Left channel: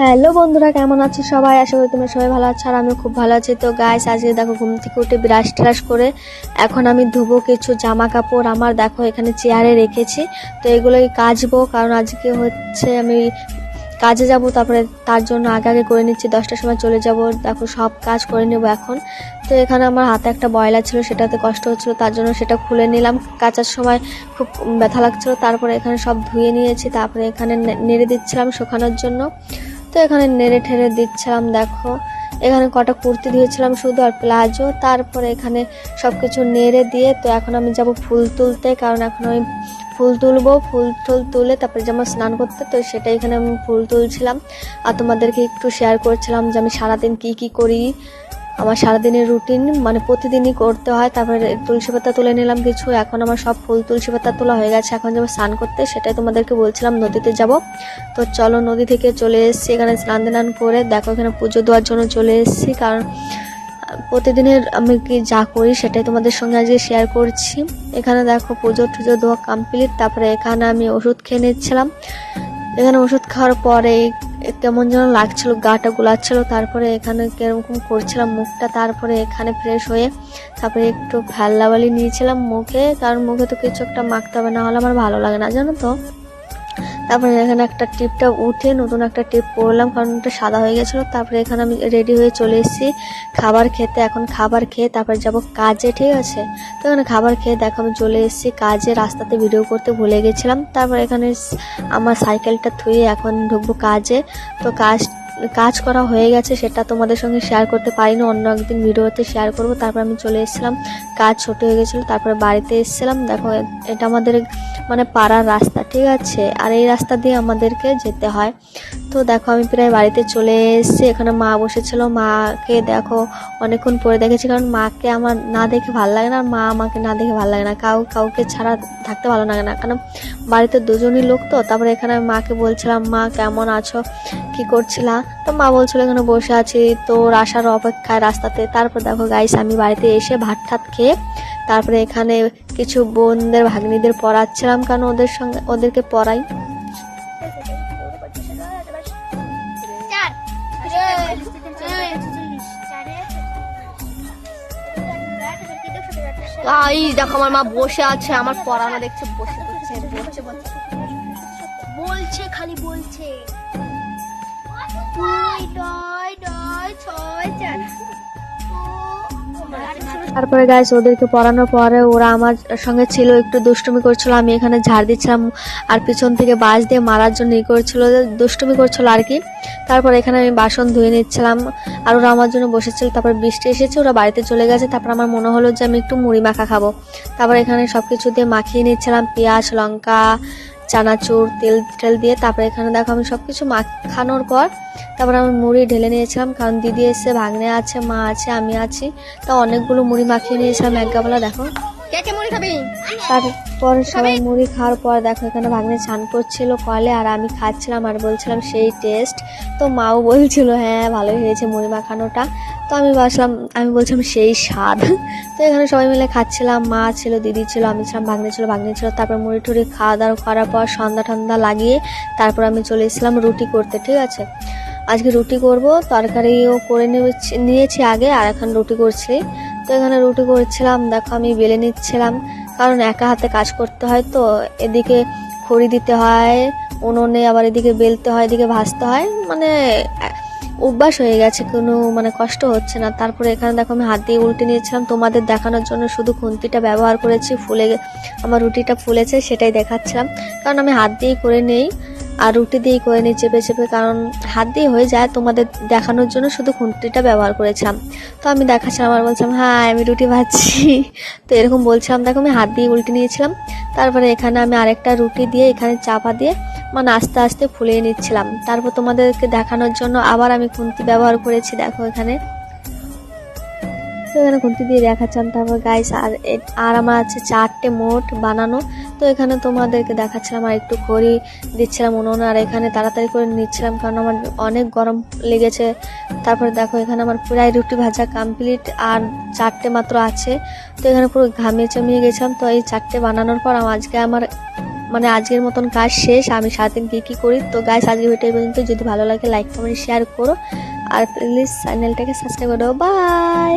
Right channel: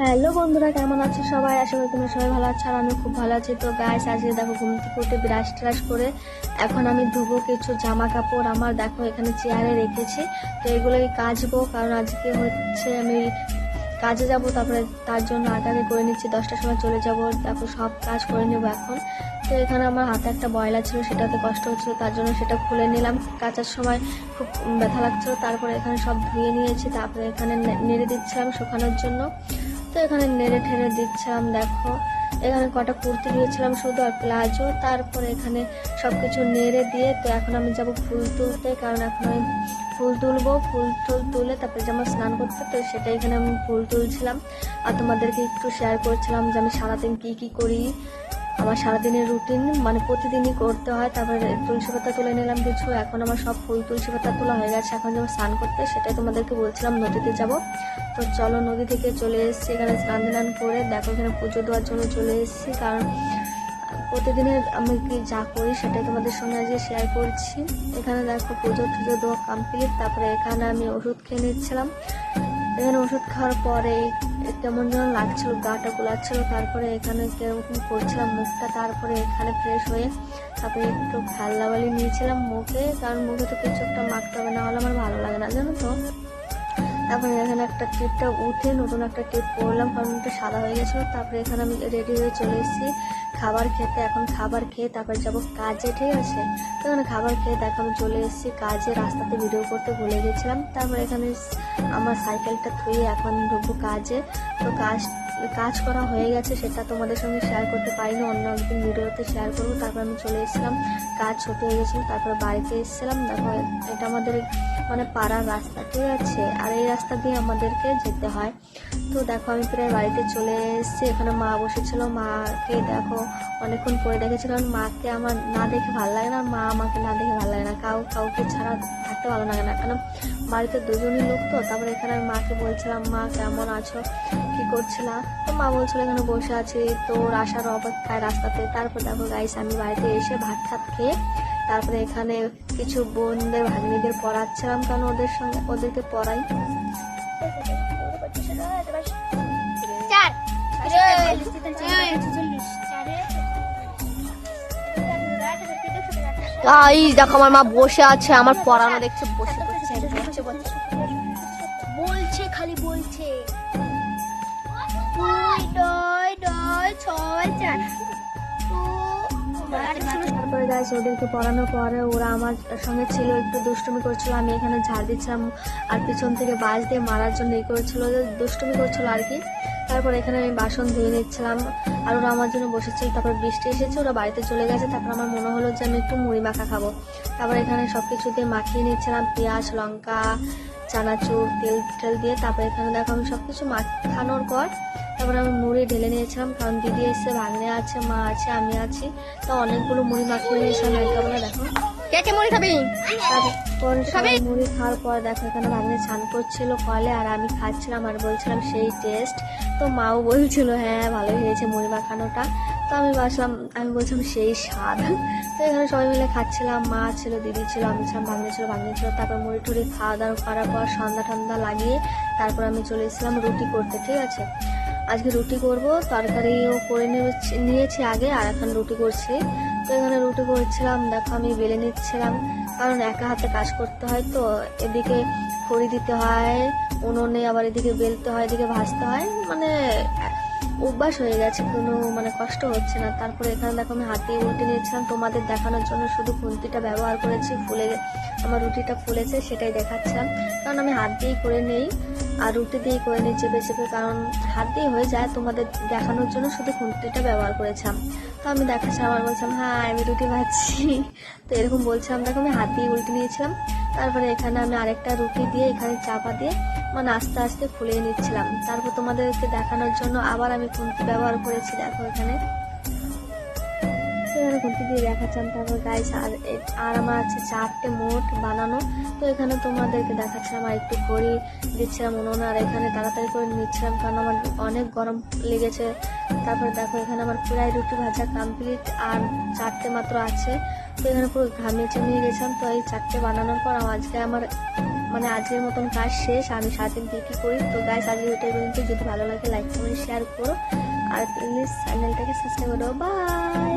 Hello বন্ধুরা, কেমন আছো সবাই? আশা করি তোমরা সবাই ভালো আছো আর আমি খুব ভালো আছি। তো গাইস, আজকে দেখো ঘুম থেকে উঠে ব্রাশ ট্রাশ করে এখন আমি ধুবো কিছু জামা কাপড়। আমার দেখো এখানে চেয়ারে রেখেছি, তো এগুলোই কাচবো, কারণ আজকে হচ্ছে আমি কাজে যাব। তারপরে তার জন্য আগে আগে করে নিচ্ছি, 10টার সময় চলে যাব। দেখো সব কাজ করে নেব এখন। তো এখানে আমার হাতে একটা বয়লা ছিল, সেটাতে কষ্ট হচ্ছিলো, তার জন্য সেটা খুলে নিলাম। কাচার সময় খুব ব্যথা লাগছিলো। তারপরে এখানে সব ধুয়ে নিয়েছি, তারপরে এখানে নেড়ে দিচ্ছিলাম শুকানোর জন্য। তো এখানে নেড়ে ঠেড়ে দিচ্ছিলাম। দেখো এখানে কটা কুর্তি দিয়েছিলাম শুধু, আর প্লাজো। তারপরে এখানে সব কিছু নেড়ে দিয়ে তো এখন আমি যাব ফুল তুলতে, কারণ এখন আমি ফুল তুলবো। ফুল টুল তুলে তারপরে যেমন স্নান করতে, তো সেটা এখানে আমি ফুল তুলছিলাম আর তোমাদেরকে একটু শেয়ার করছিলাম যে আমি সারাদিন কি করি। আমার সারাদিনের রুটিন মানে প্রতিদিনই করতে হয়। তারপরে তুলসী পাতা তুলে নিলাম কিছু, এখন আমার সব ফুল তুলসী পাতা তোলা হয়ে গেছে। এখন যাবো স্নান করতে, সেটাই তোমাদেরকে বলছিলাম, নদীতে যাব। তো চলো, নদী থেকে চলে এসেছি, এখানে স্নান টান করে দেখো এখানে পুজো দেওয়ার জন্য চলে এসেছি। কারণ প্রতিদিনের আমি কি যা করি সেটাই তোমাদের সঙ্গে আজকে শেয়ার করছি। এখানে দেখো পুজো টুজো দেওয়া কমপ্লিট। তারপরে এখানে আমি ওষুধ খেয়ে নিচ্ছিলাম। এখানে ওষুধ খাওয়ার পরে কেমন যেন লাগছিল, গাটা গুলাচ্ছিল। তারপরে এখানে কিরকম করছিলাম মুখটা। তারপরে এখানে ফ্রেশ হয়ে তারপরে একটু ফেল্লাবালি নিয়েছিলাম মুখে, কারণ মুখে তো কিছু একটা মাখতে হবে, না হলে আমার ভালো লাগে না, জানো তো। তারপরে এখানে একটা টিপটা উঠে নতুন একটা টিপ পরলাম, কারণ ওটা সাদা হয়ে গেছিলো। তারপরে এখানে আমি রেডি হয়ে চলে এসেছি খাবার খেতে। এখন খাবার খেয়ে তারপরে যাব কাজে, ঠিক আছে। তো এখানে খাবার খেয়ে দেখো আমি চলে এসেছি কাজে। রাস্তাতে ভিডিও করতে ভুলে গেছিলাম। তারপর এখানে আমার সাইকেলটা থুয়ে এখন ঢুকবো কাজে। তো কাজ করা হয়ে গেছে, সেটা তোমাদের সঙ্গে শেয়ার করতে পারিনি, অন্য একদিন ভিডিওতে শেয়ার করব। তারপর আমি চলে এসেছিলাম, কাজ ছোট হয়ে গেছিলো। তারপরে বাড়িতে এসেছিলাম। দেখো এটা আমাদের মানে পাড়ার রাস্তা, ঠিক আছে, আর এই রাস্তা দিয়ে আমাদেরকে যেতে হয়। তো দেখো আমি প্রায় বাড়িতে চলে এসেছি। এখানে মা বসেছিল, মাকে দেখো অনেকক্ষণ পরে দেখেছি, কারণ মাকে আমার না দেখে ভালো লাগে না, আর মা আমাকে না দেখে ভালো লাগে না। কাউকে ছাড়া থাকতে ভালো লাগে না, কারণ বাড়িতে দুজনই লোক তো। তারপরে এখানে আমি মাকে বলছিলাম, মা কেমন আছো, কি করছিলাম? তো মা বলছিল এখানে বসে আছি তোর আসার অপেক্ষায় রাস্তাতে। তারপর দেখো গাইস, আমি বাড়িতে এসে ভাত ঠাত খেয়ে তারপরে এখানে কিছু বোনদের ভাগ্নিদের পড়াচ্ছিলাম, কারণ ওদেরকে পড়াই। দেখো আমার মা বসে আছে, আমার পড়ানো দেখছে, বসে বলছে খালি বলছে 2-9-9-6-4। তারপরে গাইস ওদেরকে পড়ানোর পরে ওরা আমার সঙ্গে ছিল, একটু দুষ্টুমি করছিল। আমি এখানে ঝাড় দিচ্ছিলাম আর পিছন থেকে বাঁশ দিয়ে মারার জন্য করছিল, দুষ্টুমি করছিল আর কি। তারপর এখানে আমি বাসন ধুয়ে নিচ্ছিলাম আর ওরা আমার জন্য বসেছিল। তারপর বৃষ্টি এসেছে, ওরা বাড়িতে চলে গেছে। তারপর আমার মনে হলো যে আমি একটু মুড়ি মাখা খাবো। তারপর এখানে সব কিছু দিয়ে মাখিয়ে নিচ্ছিলাম, পেঁয়াজ লঙ্কা চানাচুর তেল দিয়ে। তারপরে এখানে দেখো আমি সব কিছু মাখানোর পর তারপরে আমি মুড়ি ঢেলে নিয়েছিলাম, কারণ দিদি এসে, ভাগ্নে আছে, মা আছে, আমি আছি। তো অনেকগুলো মুড়ি মাখিয়ে নিয়েছিলাম এক গামলা। দেখো কে মুড়ি খাবি? তারপর সবাই মুড়ি খাওয়ার পর দেখো এখানে ভাগ্নে স্নান করছিল কলে, আর আমি খাচ্ছিলাম আর বলছিলাম সেই টেস্ট। তো মাও বলছিল হ্যাঁ ভালোই হয়েছে মুড়ি মাখানোটা। তো আমি বলছিলাম সেই স্বাদ। তো এখানে সবাই মিলে খাচ্ছিলাম, মা ছিল, দিদি ছিল, আমি ছিলাম, ভাগ্নে ছিল। তারপর মুড়ি টুড়ি খাওয়া দাওয়া করার পর সন্ধ্যা ঠান্ডা লাগিয়ে তারপর আমি চলে এসেছিলাম রুটি করতে, ঠিক আছে। আজকে রুটি করব, তরকারিও করে নিয়েছি আগে, আর এখন রুটি করছি। তো এখানে রুটি করছিলাম, দেখো আমি বেলে নিচ্ছিলাম, কারণ একা হাতে কাজ করতে হয়। তো এদিকে খড়ি দিতে হয় উনুনে, আবার এদিকে বেলতে হয়, এদিকে ভাজতে হয়, মানে অভ্যাস হয়ে গেছে, কোনো মানে কষ্ট হচ্ছে না। তারপরে এখানে দেখো আমি হাত দিয়ে উল্টে নিয়েছিলাম, তোমাদের দেখানোর জন্য শুধু খুন্তিটা ব্যবহার করেছি। আমার রুটিটা ফুলেছে সেটাই দেখাচ্ছিলাম, কারণ আমি হাত দিয়েই করে নেই আর রুটি দিয়েই করে নিই চেপে, কারণ হাত দিয়ে হয়ে যায়। তোমাদের দেখানোর জন্য শুধু খুন্তিটা ব্যবহার করেছিলাম। তো আমি দেখাচ্ছিলাম আর বলছিলাম হ্যাঁ আমি রুটি ভাজছি। তো এরকম বলছিলাম, দেখো আমি হাত দিয়ে উল্টে নিয়েছিলাম। তারপরে এখানে আমি আরেকটা রুটি দিয়ে এখানে চাপা দিয়ে মানে আস্তে আস্তে ফুলিয়ে নিচ্ছিলাম। তারপর তোমাদেরকে দেখানোর জন্য আবার আমি খুন্তি ব্যবহার করেছি, দেখো এখানে। তো এখানে খুন্তি দিয়ে দেখাচ্ছিলাম। তারপর গাইস আর আমার আছে 4টে মোট বানানো। তো এখানে তোমাদেরকে দেখাচ্ছিলাম আর একটু খড়ি দিচ্ছিলাম উনুনে, আর এখানে তাড়াতাড়ি করে নিচ্ছিলাম, কারণ আমার অনেক গরম লেগেছে। তারপর দেখো এখানে আমার প্রায় রুটি ভাজা কমপ্লিট, আর 4টে মাত্র আছে। তো এখানে পুরো ঘামিয়ে চামিয়ে গেছিলাম। তো এই 4টে বানানোর পর আজকে আমার মানে আজকের মতন কাজ শেষ। আমি সারাদিন কী করি। তো গাইস আজকে ভিডিও পর্যন্ত, যদি ভালো লাগে লাইক কমেন্ট শেয়ার করো আর প্লিজ চ্যানেলটাকে সাবস্ক্রাইব করো। বাই।